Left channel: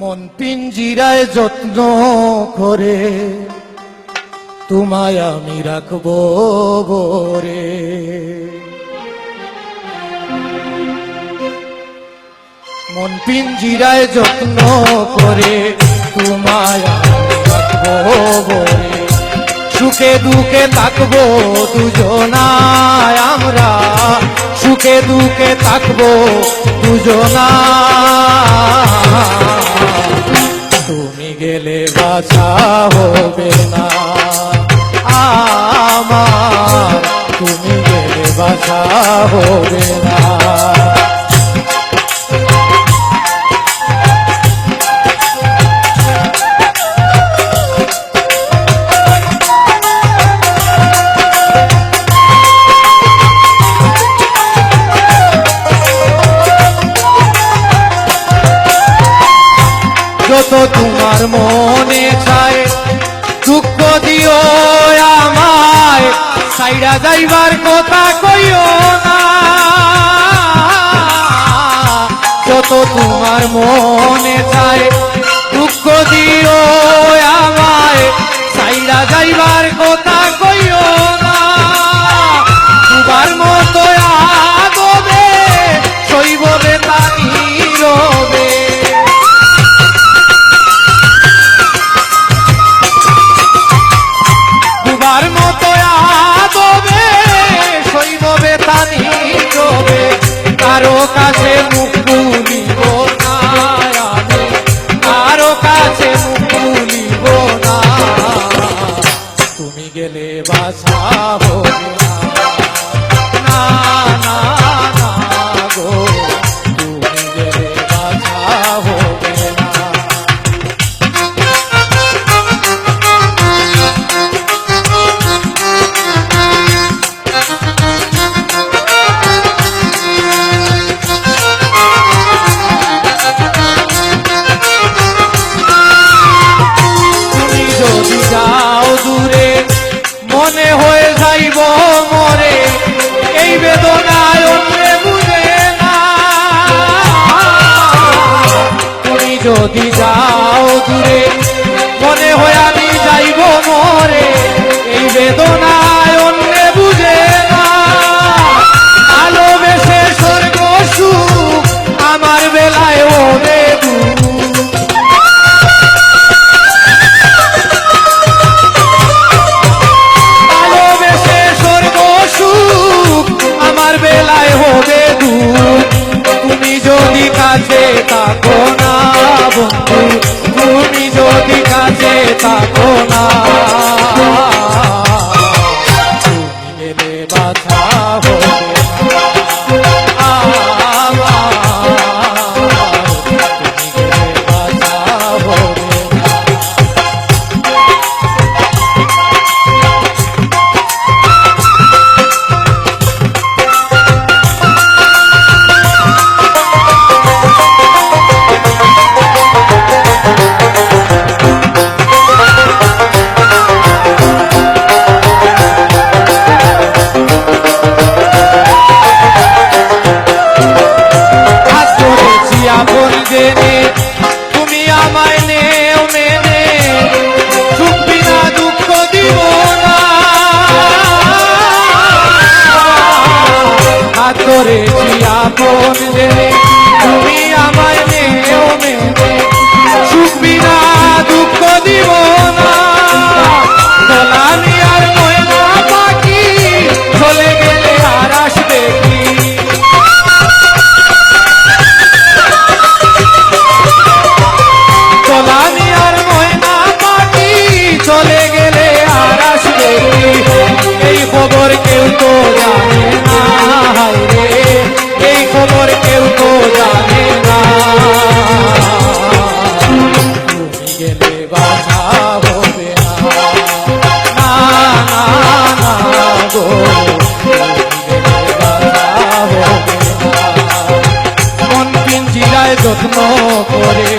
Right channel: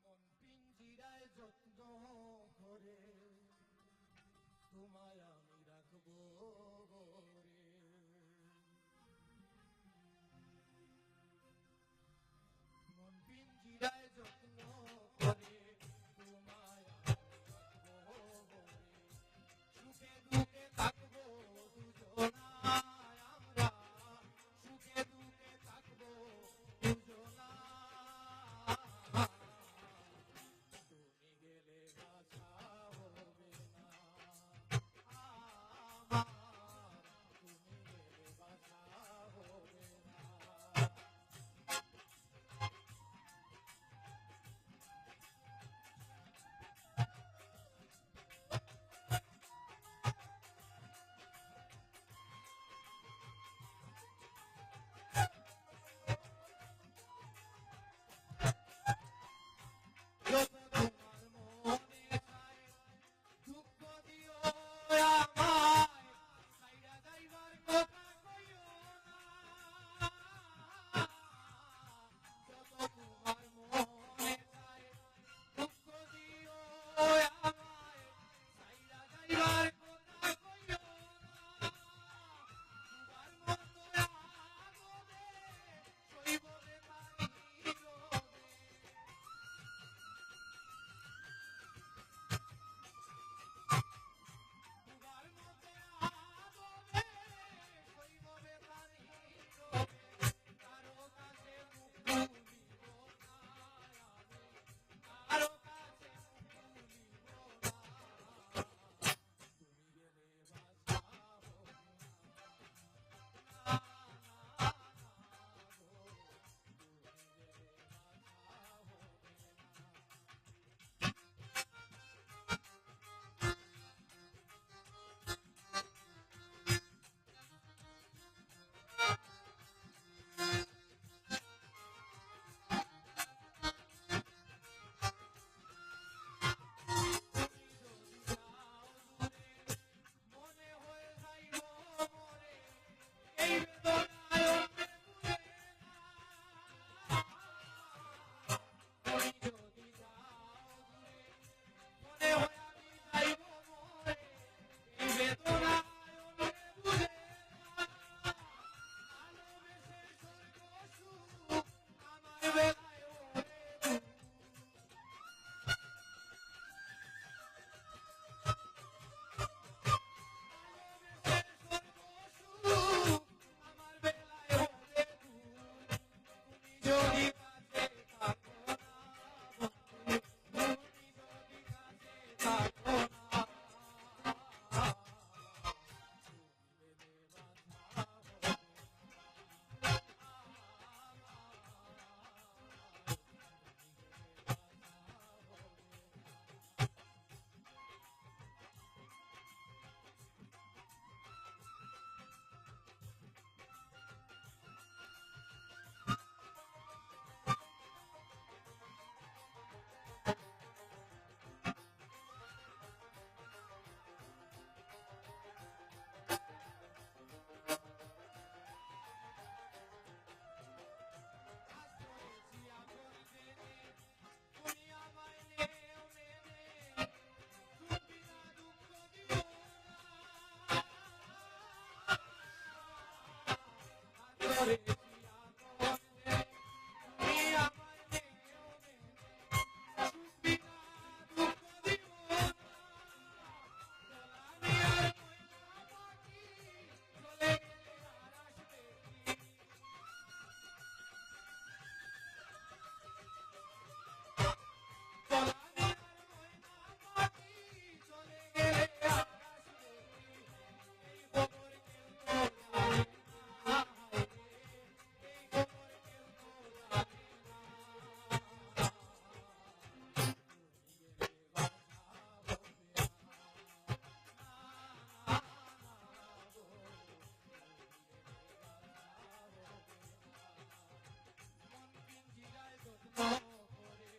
মন পিঞ্জিরায় যত্ন করে তোমায় আমি রাখবো ভরে। মন পিঞ্জিরায় যত্ন করে তোমায় আমি রাখবো ভরে। সুখে দুঃখে থাকবো দুজনায় আমরা, সুখে দুঃখে থাকবো দুজনা। তুমি গেলে বাঁচা হবে না আমার, তুমি গেলে বাঁচা হবে না। যত তোমার মনে চায় দুঃখ দিও আমায়, সাইরা যাইবার কথা কইও না। যত তোমার মনে চায় দুঃখ দিও আমায়, সাইরা যাইবার কথা কইও না। দুবার মতো আগবে সইববে তানি রবে। কারো কাছে মুখ খুলিব না আমি, কারো কাছে মুখ খুলিব না। তুমি গেলে বাঁচা হবে না, না না গো, তুমি গেলে বাঁচা হবে না। মনে হয়ে যাইব মরে এই বেদনায় অন্যে বুঝে না। তুমি যদি যাও দূরে মনে হয়ে আমি যাইব মরে এই বেদনায় অন্যে বুঝে না। ভালোবেসে স্বর্গ সুখ আমার বেলায় ওরে দুঃখ। কাছে থাকো না বন্ধু, তুমি যদি কাছে থাকো না, তুমি গেলে বাঁচা হবে না আমার, তুমি গেলে বাঁচা হবে না। তুমি আমায় নেও মেনে, সুখ বিনা দুঃখ দিব না। হাত ধরেছি আপন জেনে, তুমি আমায় নেও মেনে, সুখ বিনা দুঃখ দিব না। দোলানি আর ময়না পাখি চলে গেলে আর আসবে কি? দোলানি আর ময়না পাখি চলে গেলে আর আসবে কি? এই খবর কেউ তো জানে না রে, এই খবর কেউ তো জানে না। তুমি গেলে বাঁচা হবে না, না না না গো, তুমি গেলে বাঁচা হবে না। মন পিঞ্জিরায় যত্ন করে